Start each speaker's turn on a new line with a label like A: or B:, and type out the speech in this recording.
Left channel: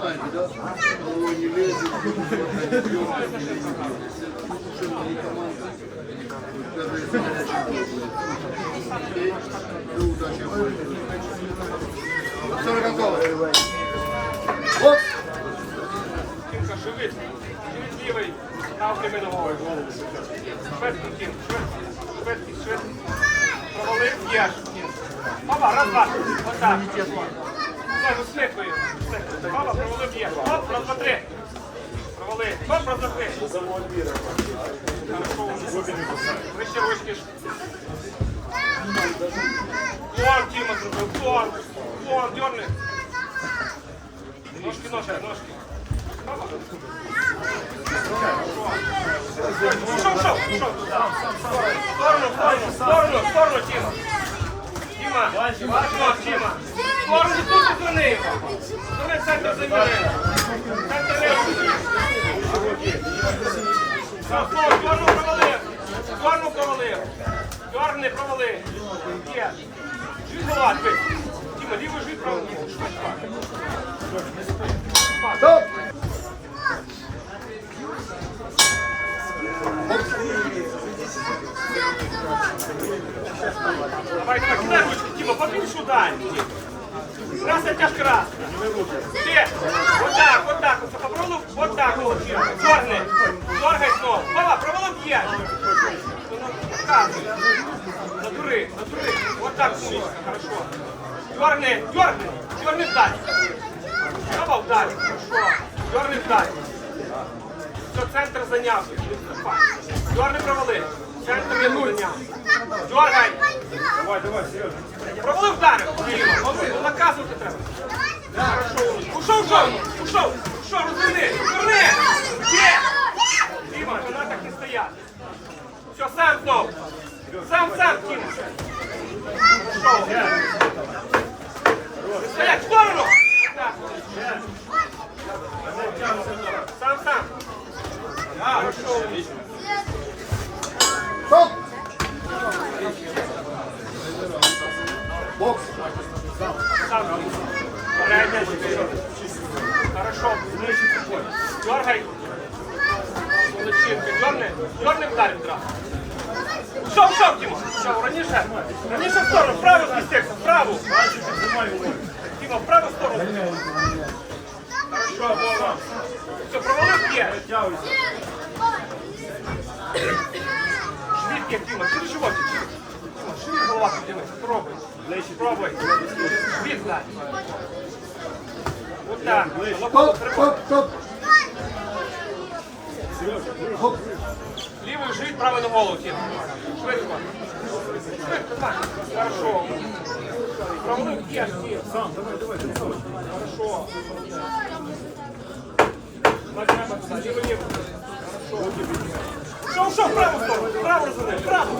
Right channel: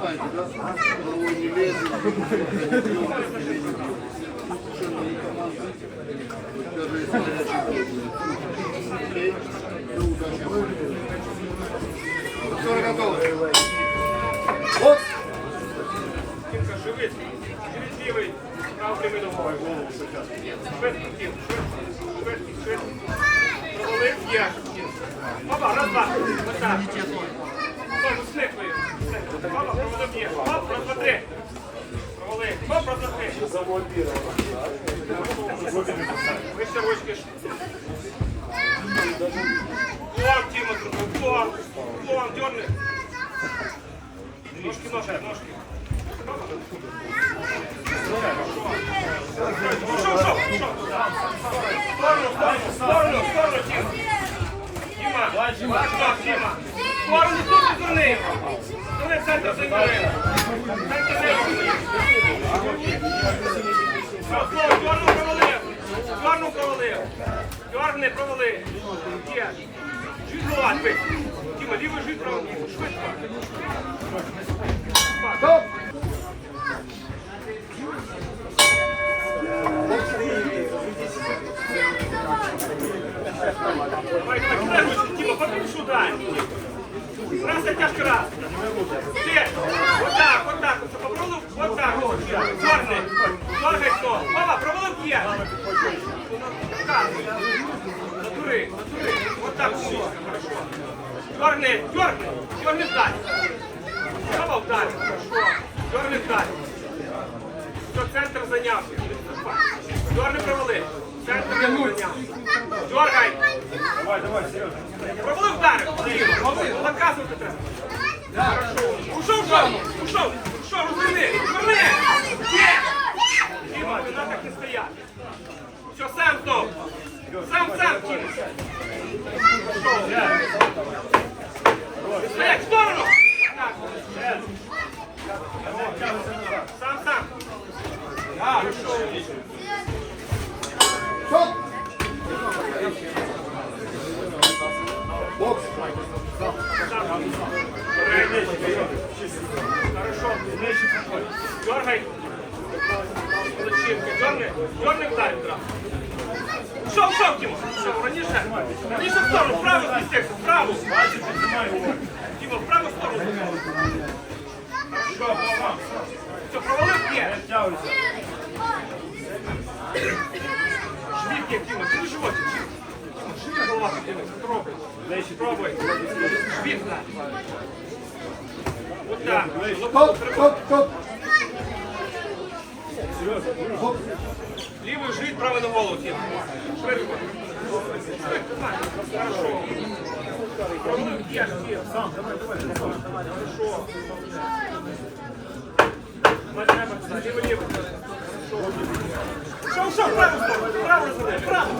A: знаете, да? Головой не.
B: Опа, раз, два. Отак. Знову сліпою. Опа, провалив, є. Оп, раз, два, три. Провалив. Оп, раз, два, три. Вище ручки. Вон, Тіма. Вон. Вон, дерни. Ножки, ножки, ножки. Сторону, сторону, сторону, сторону, Тіма. Тут. Центр займає. Сторону провали. Сторону провали. Жить правий.
A: Стоп.
B: Давай, давай, кидай ручку, Тіма, побільше удар. Раз, це тяжко раз. Ти, отак, отак, оце попробуй, отак, чорний, доргай ногу. Папа, провалив п'ять. Так, натури, натури, отак, все, хорошо. Дорни, дорни, дорни вдар. Папа, вдар, хорошо. Вдар. Все, центр зайняв. Дорни провалив. Центр не зайняв.
C: Давай, давай, Сережа.
B: Провалив вдар! Наказувати треба. Ушов, ушов, ушов, ушов, розверни, розверни! Є! Діма, так не стояти. Все, сам знов. Сам, сам. Ушов. Стоять, в сторону! Сам, сам. Да, ушов.
A: Бокс.
B: Хорошо. Дергай. Молодчинка. Дергай. Дергай. Шов, шов, Тима. Шов, раніше. Раніше в сторону. Вправо змістився. Вправо. Тима, вправо в сторону. Хорошо. Все, провалив є. Є, Тима. Ти животик. Тима. Пробуй. Пробуй. Жміть, да. Вот так.
A: Стоп, стоп, стоп. Хоп.
B: Лівий жить, правий на голову. Швидко. Хорошо. Провалив є, Тим.
C: Сам, давай, давай, давай.
B: Хорошо. Ладно, Макса, ліво. Хорошо. Шо, шо, праву сторону, право розверни, право.